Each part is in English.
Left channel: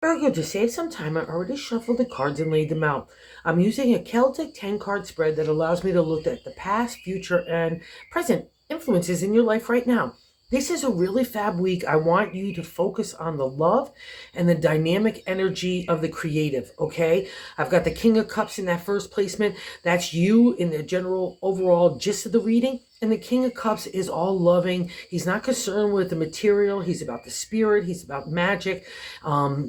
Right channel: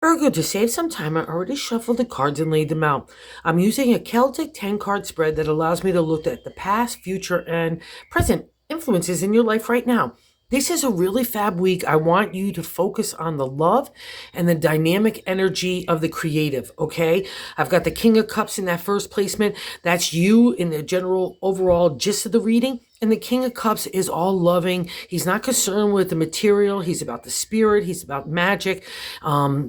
Virgo, to save some time, I already shuffled the cards and laid them out. I'm using a Celtic 10 card spread that allows me to look at the past, future, and present influences in your life right now. This is a really fab week. I want you to focus on the love and the dynamic energy of the creative, okay? I've got the King of Cups in that first placement. That's you in the general overall gist of the reading. And the King of Cups is all loving. He's not concerned with the material. He's about the spirit. He's about magic.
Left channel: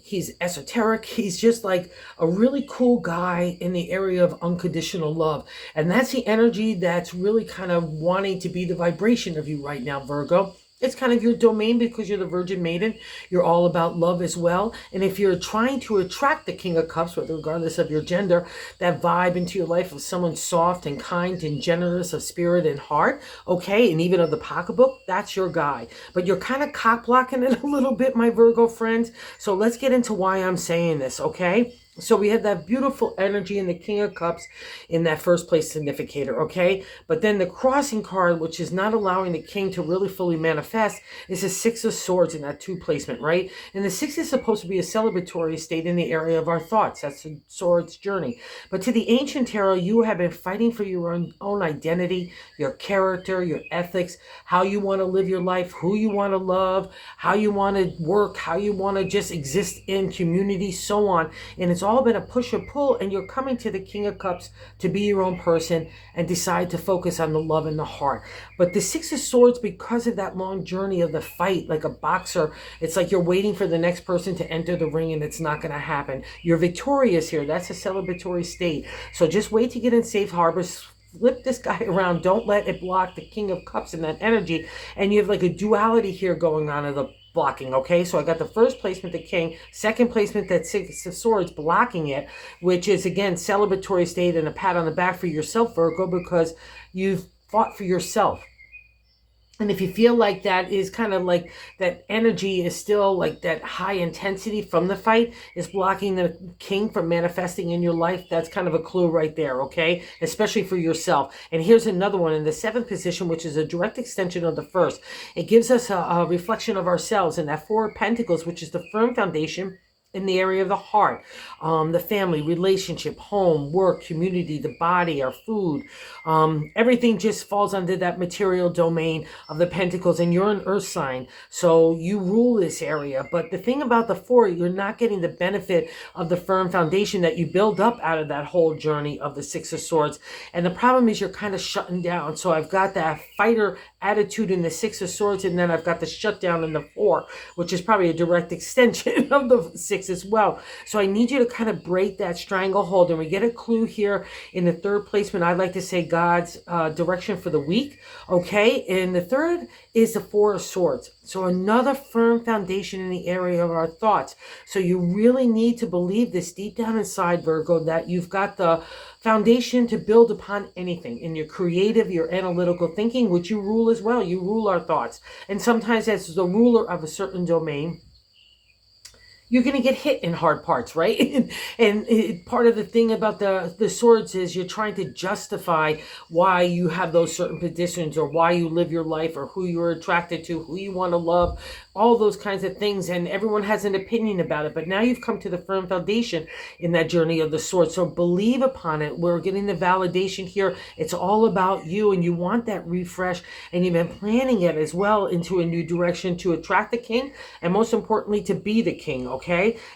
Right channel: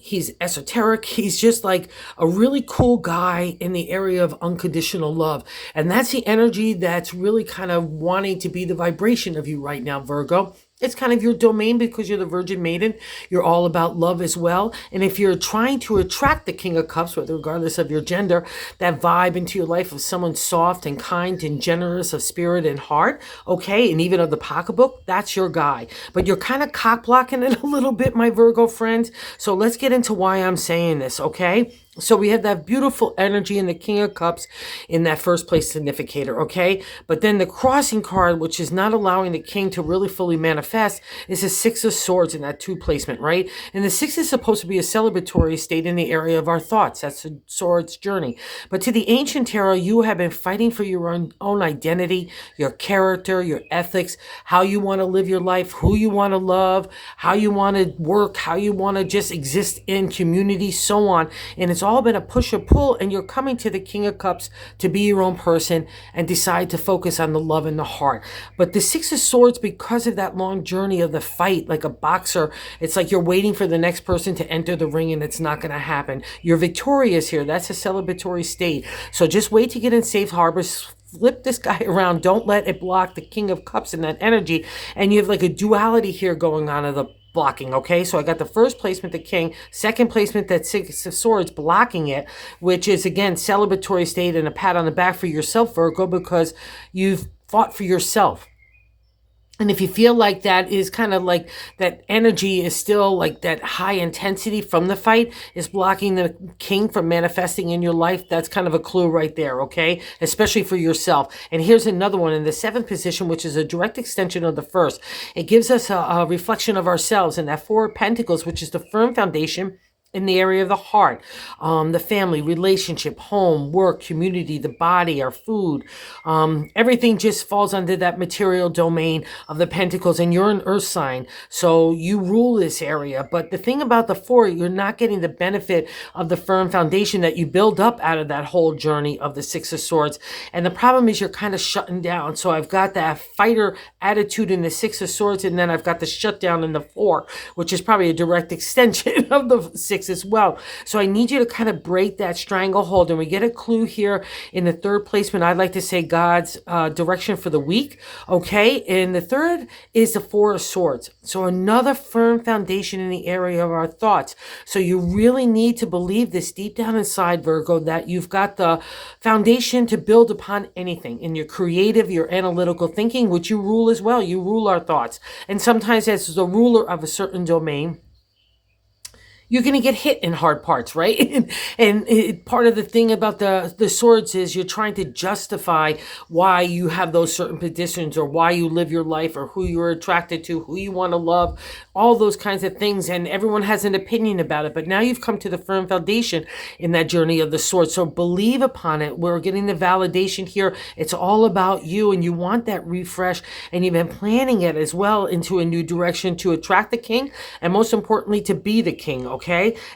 He's esoteric. He's just like a really cool guy in the area of unconditional love. And that's the energy that's really kind of wanting to be the vibration of you right now, Virgo. It's kind of your domain because you're the Virgin Maiden. You're all about love as well. And if you're trying to attract the King of Cups, regardless of your gender, that vibe into your life of someone soft and kind and generous of spirit and heart, okay, and even of the pocketbook, that's your guy. But you're kind of cock blocking it a little bit, my Virgo friends. So let's get into why I'm saying this, okay? So we have that beautiful energy in the King of Cups in that first place significator, okay? But then the crossing card, which is not allowing the king to really fully manifest, is the Six of Swords in that two placement, right? And the six is supposed to be a celebratory state in the area of our thoughts. That's the swords journey. But to the ancient tarot, you have been fighting for your own identity, your character, your ethics, how you want to live your life, who you want to love, how you want to work, how you want to just exist in community, so on. And it's all been a push or pull, and you're coming to the King of Cups to be your own person and decide to focus on the love and the heart. But the Six of Swords, because of that long journey of the fight, like a boxer, it's like you're waiting for the next person to enter the ring and it's not going to happen. You're victorious here. That's a celebratory state. So just wait to get in safe harbors. Flip this guy around. Don't let it block the King of Cups and that energy. And you have like a duality here going on of the blocking, okay? So I got the first placement, the king, second placement, that Six of Swords blocking it, which is, again, celebratory state and a pat on the back for yourself, Virgo, because you've fought for yourself. And if you feel like that is kind of like that energy is still like that high intensity from the fight is blocking the king from manifesting in your life, that's kind of a clue right there, okay? Especially for yourself. And here's another one in the seventh position, which is a direct extension of the first. It gives us a reflection of ourselves in that Four of Pentacles, which is the firm foundation in the area of the heart, the family, relationship, home, work, community, the body, our food. Everything just falls under that material domain of the pentacles, and you're an earth sign, so you rule this area. But the thing about the four, you're not getting the benefit of the firm foundation that you build up out of that whole journey of the Six of Swords. And the problem is you're kind of shutting down. So I've got that fighter attitude in the Six of Swords, and then I've got the shutdown in the four, which is probably a direct extension of the six as well. So I need you to kind of break that stranglehold. And we get a clue here in the third placement. I'd like to say God's direction for the week. Okay. And the third is the Four of Swords. So another firm foundation in the area of our thoughts. So you really need to believe this deep down inside, Virgo, that you've got the foundation to build upon anything in your creative, your analytical thinking, which you rule as well. You rule our thoughts. And sometimes as the ruler of a certain domain, you're going to get hit in hard parts, right? And part of the thing about the swords is you're trying to justify why you have those certain positions, or why you live your life, or who you're attracted to, who you want to love, all those kinds of things. And everyone has an opinion about it. But now you've come to the firm foundation in that journey of the sword. So believe upon it. We're getting the validation here. It's all about you, and you want that refresh. And you've been planning it as well into a new direction to attract the king, and most importantly, to be the king, okay?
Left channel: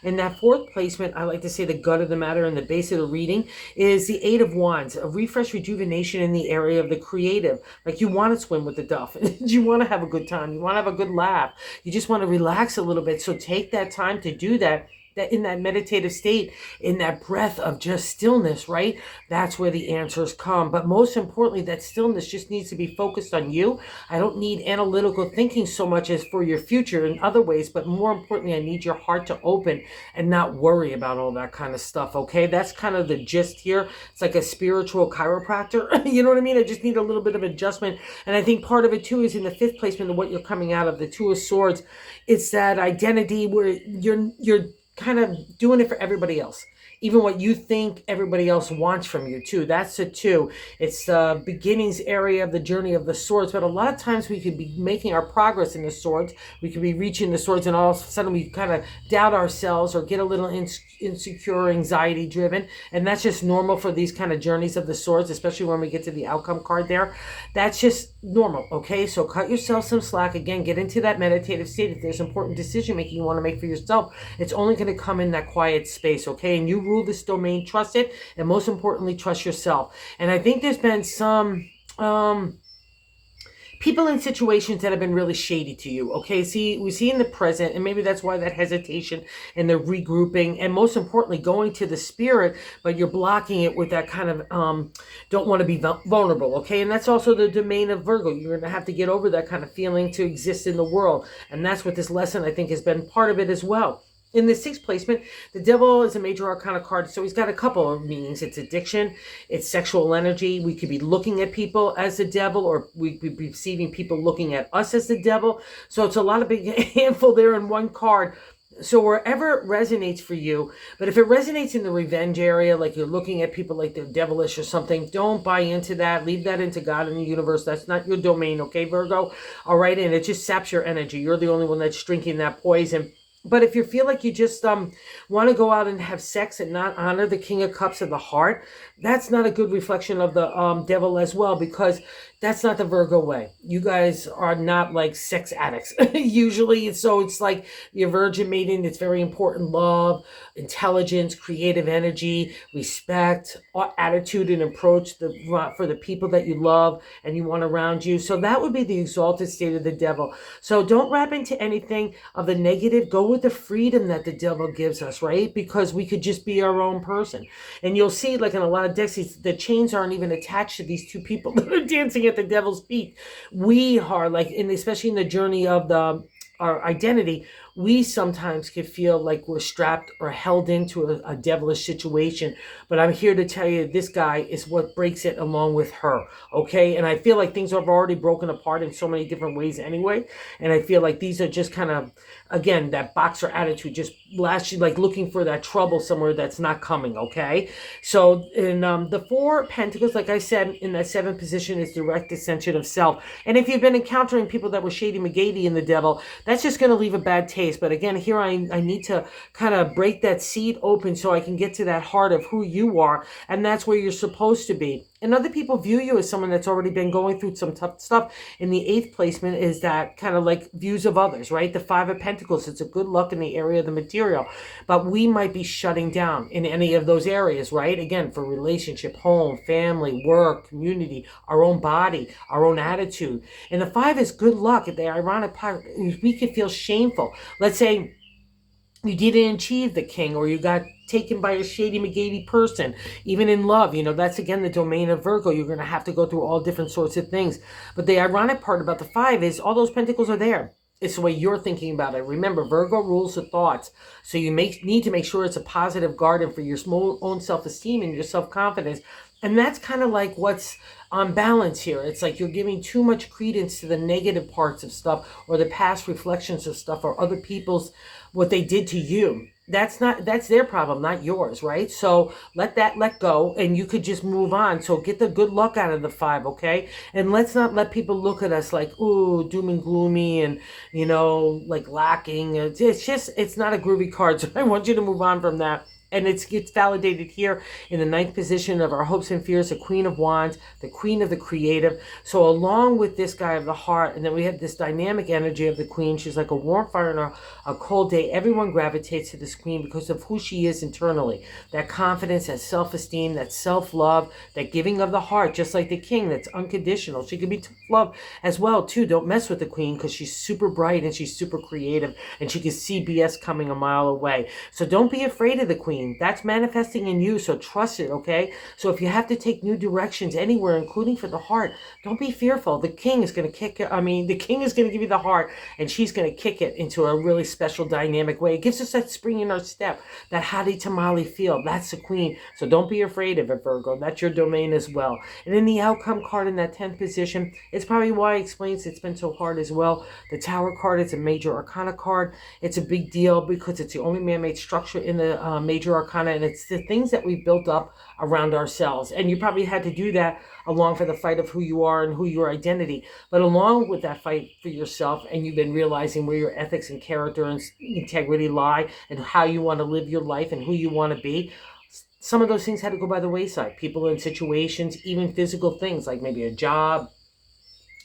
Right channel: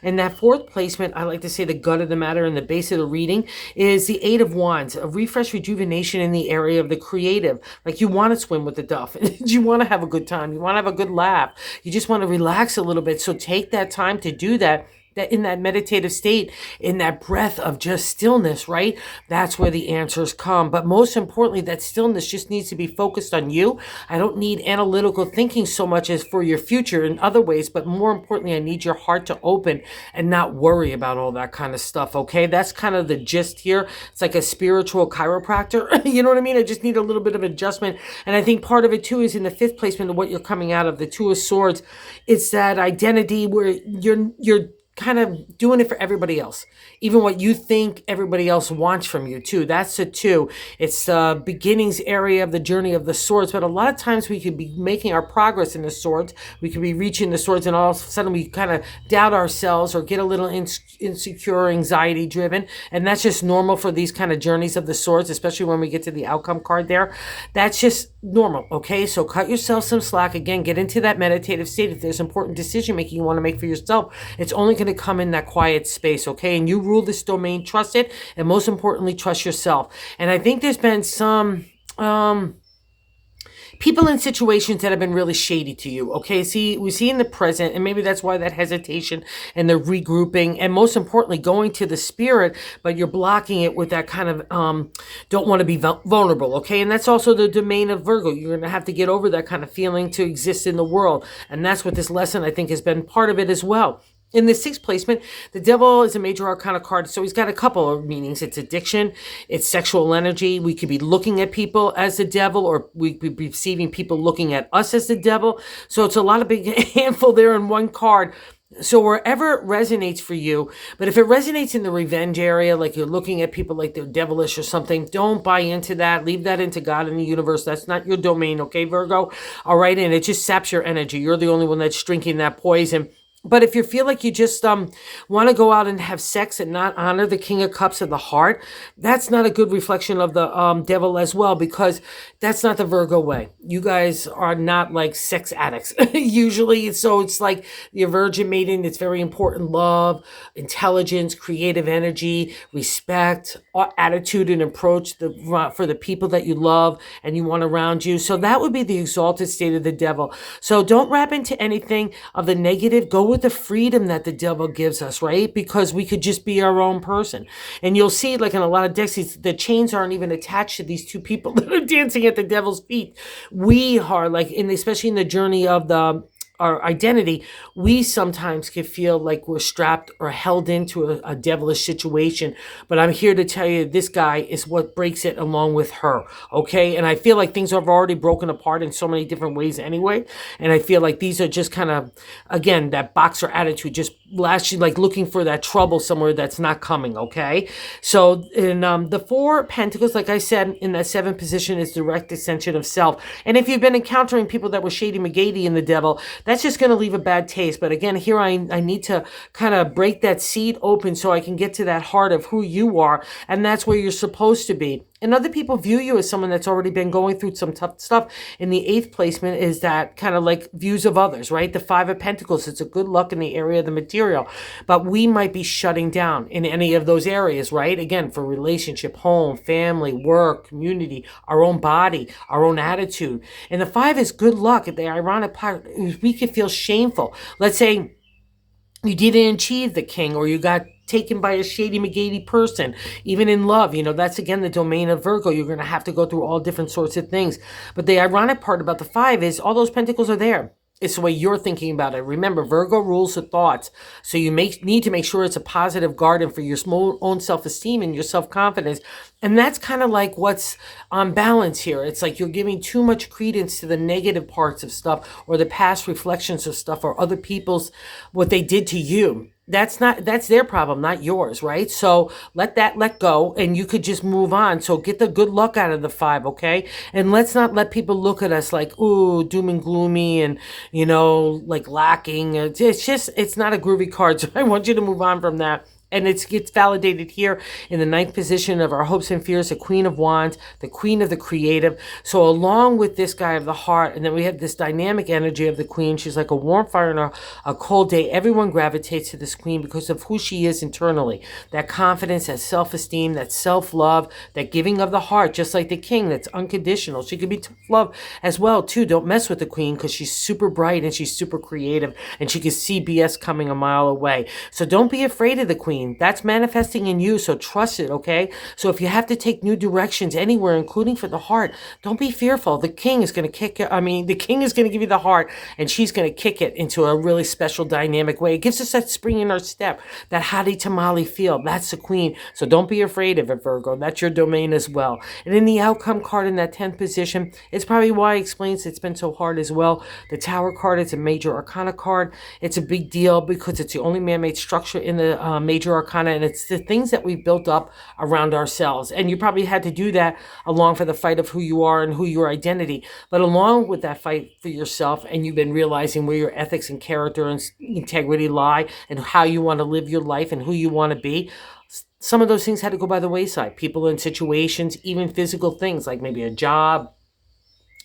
And that fourth placement, I like to say the gut of the matter and the base of the reading, is the Eight of Wands, a refresh, rejuvenation in the area of the creative. Like you want to swim with the duff. You want to have a good time. You want to have a good laugh. You just want to relax a little bit. So take that time to do that. That in that meditative state, in that breath of just stillness, right? That's where the answers come. But most importantly, that stillness just needs to be focused on you. I don't need analytical thinking so much as for your future in other ways, but more importantly, I need your heart to open and not worry about all that kind of stuff, okay? That's kind of the gist here. It's like a spiritual chiropractor. You know what I mean? I just need a little bit of adjustment. And I think part of it too is in the fifth placement of what you're coming out of, the Two of Swords. It's that identity where you're kind of doing it for everybody else, even what you think everybody else wants from you too. That's a two. It's the beginnings area of the journey of the swords, but a lot of times we could be making our progress in the swords. We could be reaching the swords, and all of a sudden we kind of doubt ourselves or get a little insecure, anxiety driven, and that's just normal for these kind of journeys of the swords, especially when we get to the outcome card there. That's just normal. Okay, so cut yourself some slack. Again, get into that meditative state. If there's important decision making you want to make for yourself, it's only going to come in that quiet space. Okay, and you rule this domain. Trust it, and most importantly, trust yourself. And I think there's been some people in situations that have been really shady to you. Okay, see, we see in the present, and maybe that's why that hesitation and the regrouping, and most importantly, going to the spirit, but you're blocking it with that kind of don't want to be vulnerable. Okay, and that's also the domain of Virgo. You're going to have to get over that kind of feeling to exist in the world, and that's what this lesson, I think, has been part of it as well. In the sixth placement, the devil is a major arcana card, so he's got a couple of meanings. It's addiction, it's sexual energy. We could be looking at people as the devil, or we could be perceiving people looking at us as the devil. So it's a lot of big handful there in one card. So wherever it resonates for you, but if it resonates in the revenge area, like you're looking at people like they're devilish or something, don't buy into that. Leave that into God and the universe. That's not your domain, okay, Virgo? All right, and it just saps your energy. You're the only one that's drinking that poison. But if you feel like you just want to go out and have sex and not honor the King of Cups of the heart, that's not a good reflection of the devil as well, because that's not the Virgo way. You guys are not like sex addicts usually. So it's like your virgin maiden. It's very important. Love, intelligence, creative energy, respect, attitude and approach for the people that you love and you want around you. So that would be the exalted state of the devil. So don't wrap into anything of the negative. Go with the freedom that the devil gives us, right? Because we could just be our own person. And you'll see, like in a lot of decks, the chains aren't even attached to these two people that are dancing at the devil's feet. We are like, especially in the journey of our identity, we sometimes can feel like we're strapped or held into a devilish situation. But I'm here to tell you, this guy is what breaks it along with her, okay? And I feel like things have already broken apart in so many different ways anyway. And I feel like these are just kind of, again, that boxer attitude, just like looking for that trouble somewhere that's not coming, okay? So in the Four of Pentacles, like I said, in that seventh position is direct ascension of self. And if you've been encountering people that were shady McGady in the devil, that's just going to leave a bad taste. But again, here I need to kind of break that seed open so I can get to that heart of who you are. And that's where you're supposed to be. And other people view you as someone that's already been going through some tough stuff. In the eighth placement is that kind of like views of others, right? The Five of Pentacles, it's a good luck in the area of the material. But we might be shutting down in any of those areas, right? Again, for relationship, home, family, work, community, our own body, our own attitude. And the five is good luck. The ironic part is we could feel shameful. Let's say you didn't achieve the king, or you got taken by a shady McGady person, even in love. That's again the domain of Virgo. You're going to have to go through all different sorts of things. But the ironic part about the five is all those pentacles are there. It's the way you're thinking about it. Remember, Virgo rules the thoughts. So you need to make sure it's a positive garden for your own self-esteem and your self-confidence. And that's kind of like what's on balance here. It's like you're giving too much credence to the negative parts of stuff, or the past reflections of stuff, or other people's, what they did to you. That's their problem, not yours, right? So let go, and you could just move on. So get the good luck out of the five, okay? And let's not let people look at us like, ooh, doom and gloomy and, like lacking. It's not a groovy card. So I want you to move on from that. And it gets validated here in the ninth position of our hopes and fears, the Queen of Wands, the Queen of the Creative. So along with this guy of the heart, and then we have this dynamic energy of the Queen. She's like a warm fire in a cold day. Everyone gravitates to this Queen because of who she is internally. That confidence, that self-esteem, that self-love, that giving of the heart, just like the King, that's unconditional. She can be tough love as well, too. Don't mess with the Queen because she's super bright and she's super creative, and she can see BS coming a mile away. So don't be afraid of the Queen. queen. That's manifesting in you, so trust it, okay? So if you have to take new directions anywhere, including for the heart, don't be fearful. The king is going to kick it. I mean, the king is going to give you the heart, and she's going to kick it into a really special dynamic way. It gives us that spring in our step, that hottie tamale feel. That's the queen. So don't be afraid of it, Virgo. That's your domain as well. And in the outcome card in that 10th position, it's probably why it explains it's been so hard as well. The Tower card, it's a major arcana card. It's a big deal because it's the only man-made structure in the major arcana, and it's the things that we built up around ourselves. And you probably had to do that along for the fight of who you are and who your identity. But along with that fight for yourself, and you've been realizing where your ethics and character and integrity lie and how you want to live your life and who you want to be, some of those things had to go by the wayside. People and situations, even physical things like maybe a job,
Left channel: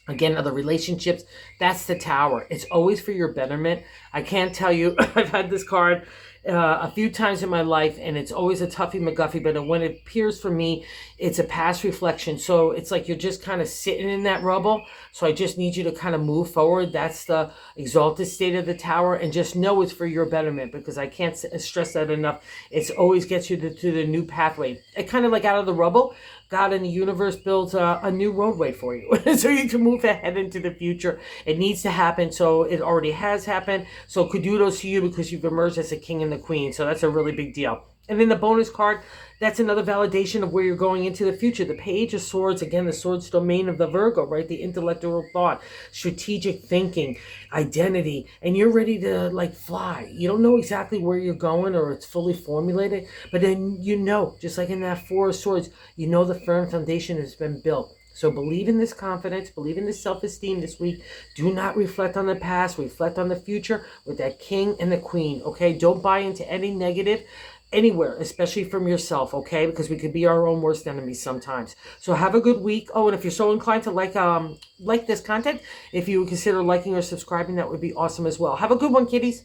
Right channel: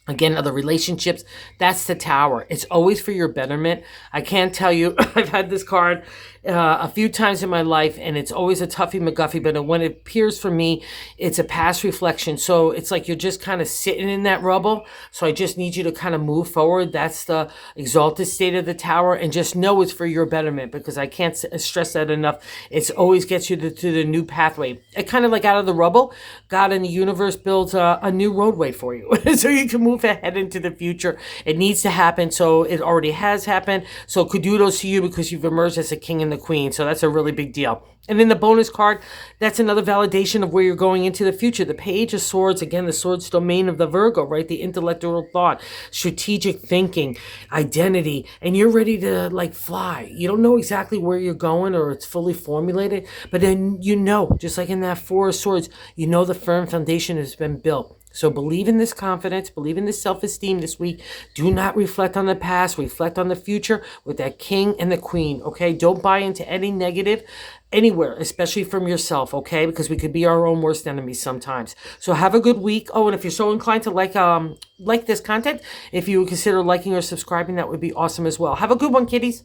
again, other relationships. That's the Tower. It's always for your betterment. I can't tell you, I've had this card a few times in my life, and it's always a toughie McGuffie, but when it appears for me, it's a past reflection. So it's like you're just kind of sitting in that rubble. So I just need you to kind of move forward. That's the exalted state of the Tower, and just know it's for your betterment, because I can't stress that enough. It's always gets you to the new pathway. It kind of like out of the rubble, God in the universe builds a new roadway for you. So you can move ahead into the future. It needs to happen. So it already has happened. So kudos to you, because you've emerged as a king and the queen. So that's a really big deal. And then the bonus card, that's another validation of where you're going into the future. The Page of Swords, again, the Swords domain of the Virgo, right? The intellectual thought, strategic thinking, identity, and you're ready to like fly. You don't know exactly where you're going or it's fully formulated, but then you know, just like in that Four of Swords, you know the firm foundation has been built. So believe in this confidence, believe in this self-esteem this week. Do not reflect on the past, reflect on the future with that king and the queen, okay? Don't buy into any negative anywhere, especially from yourself, okay? Because we could be our own worst enemies sometimes. So have a good week. Oh, and if you're so inclined to like this content, if you would consider liking or subscribing, that would be awesome as well. Have a good one, kiddies.